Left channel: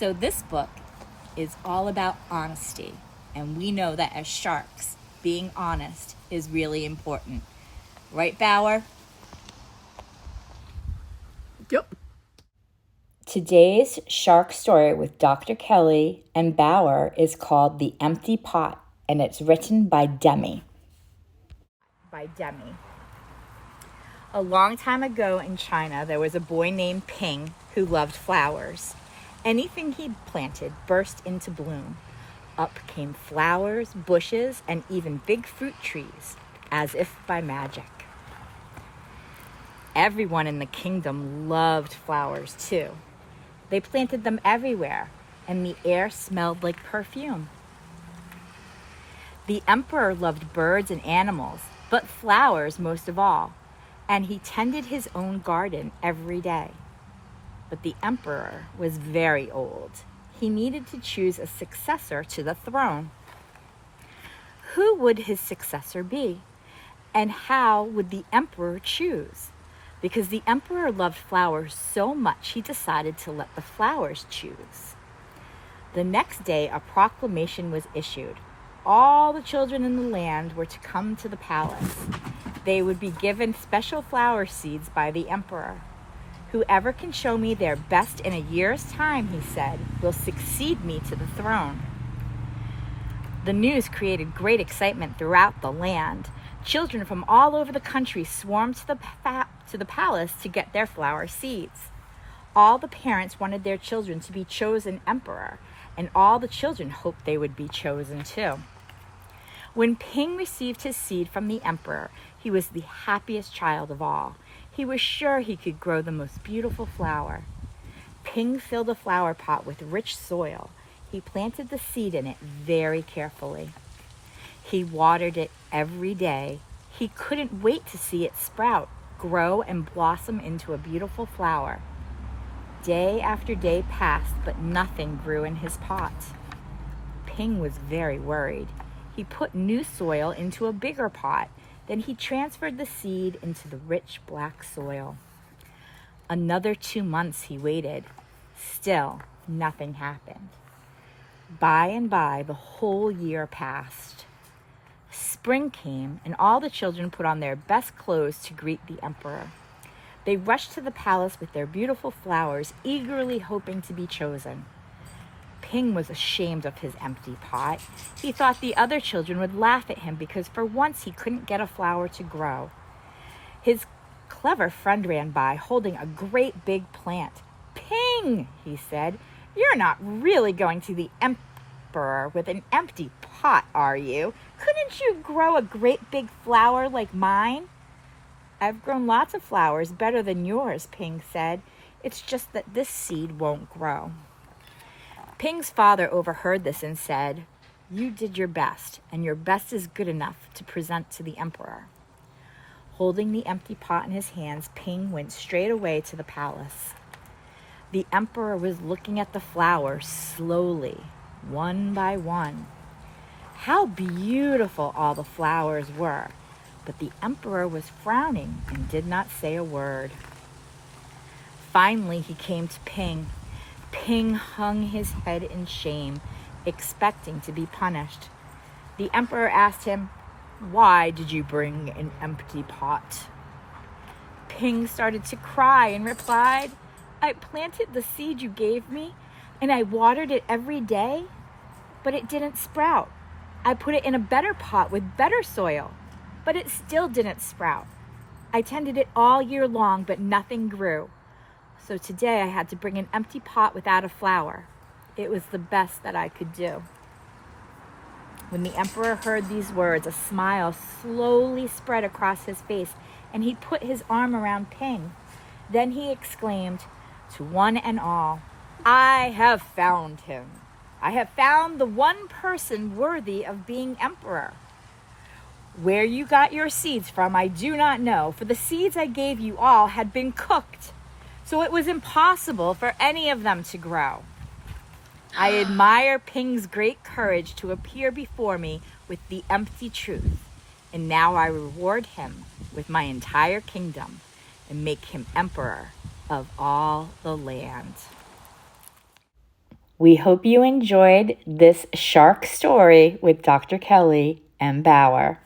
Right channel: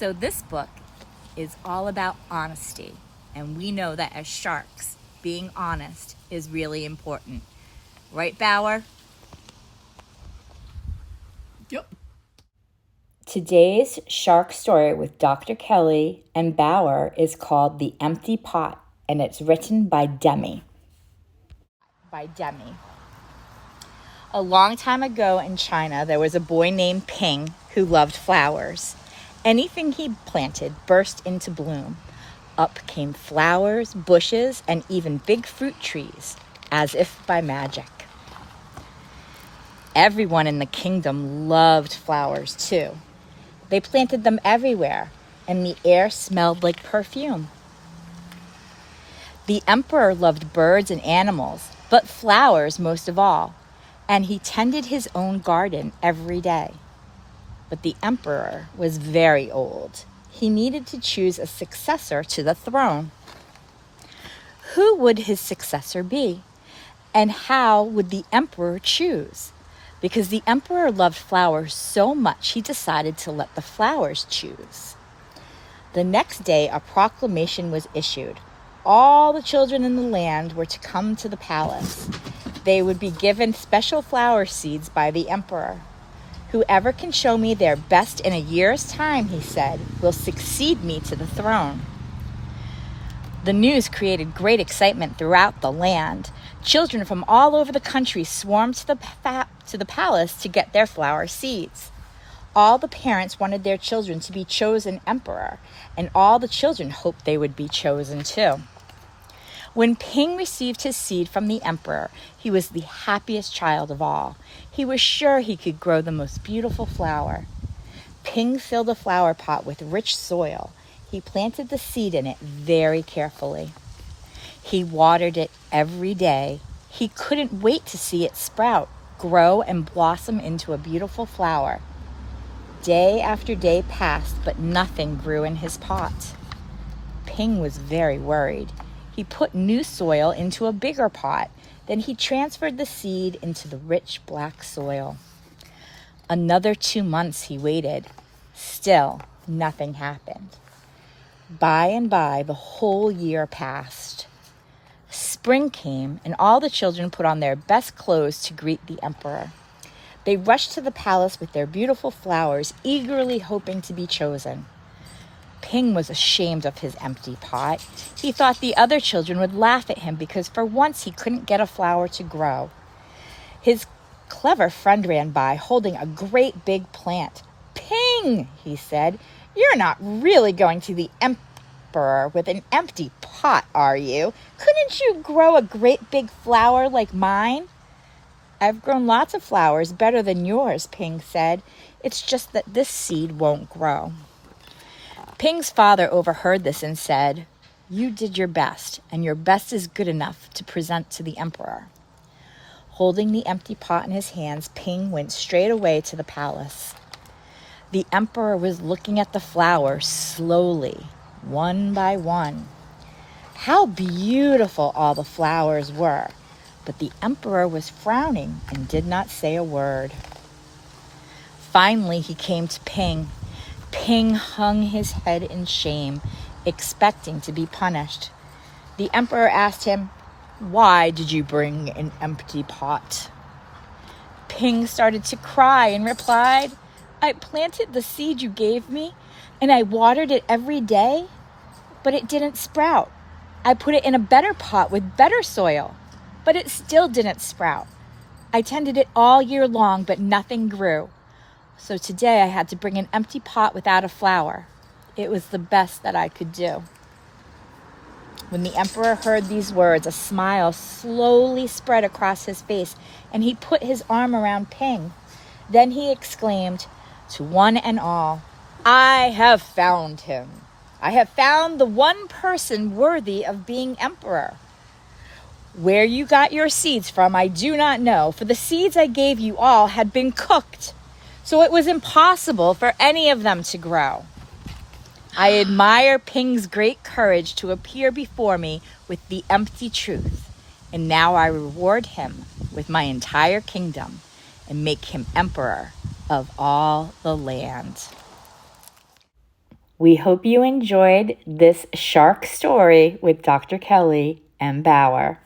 So this book is all about honesty, and we know that as sharks, being honest is really important. Right, Bauer? Yep. Today's shark story with Dr. Kelly and Bauer is called The Empty Pot, and it's written by Demi. A long time ago in China, there was a boy named Ping who loved flowers. Anything he planted burst into bloom. Up came flowers, bushes, and even big fruit trees, as if by magic. Everyone in the kingdom loved flowers too. They planted them everywhere, and the air smelled like perfume. The emperor loved birds and animals, but flowers most of all, and he tended his own garden every day. But the emperor was very old. He needed to choose a successor to the throne. Who would his successor be? And how would the emperor choose? Because the emperor loved flowers so much, he decided to let the flowers choose. The next day, a proclamation was issued. All the children in the land were to come to the palace. They would be given special flower seeds by the emperor. Whoever can show me their best in a year's time, he said, will succeed me to the throne. The news created great excitement throughout the land. Children from all over the country swarmed to the palace to get their flower seeds. All the parents wanted their children to be chosen emperor, and all the children hoped they would be chosen too. When Ping received his seed from the emperor, he was the happiest child of all. He was sure he could grow the most beautiful flower. Ping filled a flower pot with rich soil. He planted the seed in it very carefully. He watered it every day. He couldn't wait to see it sprout, grow, and blossom into a beautiful flower. Day after day passed, but nothing grew in his pot. Ping was very worried. He put new soil into a bigger pot. Then he transferred the seed into the rich black soil. Another 2 months he waited. Still, nothing happened. By and by, the whole year passed. Spring came, and all the children put on their best clothes to greet the emperor. They rushed to the palace with their beautiful flowers, eagerly hoping to be chosen. Ping was ashamed of his empty pot. He thought the other children would laugh at him because for once he couldn't get a flower to grow. His clever friend ran by holding a great big plant. "Ping," he said, "you're not really going to the emperor with an empty pot, are you? Couldn't you grow a great big flower like mine?" "I've grown lots of flowers better than yours," Ping said. "It's just that this seed won't grow." Ping's father overheard this and said, "You did your best, and your best is good enough to present to the emperor." Holding the empty pot in his hands, Ping went straight away to the palace. The emperor was looking at the flowers slowly, one by one. How beautiful all the flowers were, but the emperor was frowning and did not say a word. Finally, he came to Ping. Ping hung his head in shame, expecting to be punished. The emperor asked him, "Why did you bring an empty pot?" Ping started to cry and replied, "I planted the seed you gave me, and I watered it every day, but it didn't sprout. I put it in a better pot with better soil, but it still didn't sprout. I tended it all year long, but nothing grew. So today I had to bring an empty pot without a flower. It was the best that I could do." When the emperor heard these words, a smile slowly spread across his face, and he put his arm around Ping. Then he exclaimed, to one and all, "I have found him. I have found the one person worthy of being emperor. Where you got your seeds from, I do not know, for the seeds I gave you all had been cooked, so it was impossible for any of them to grow. I admire Ping's great courage to appear before me with the empty truth, and now I reward him with my entire kingdom and make him emperor of all the land." We hope you enjoyed this shark story with Dr. Kelly and Bauer.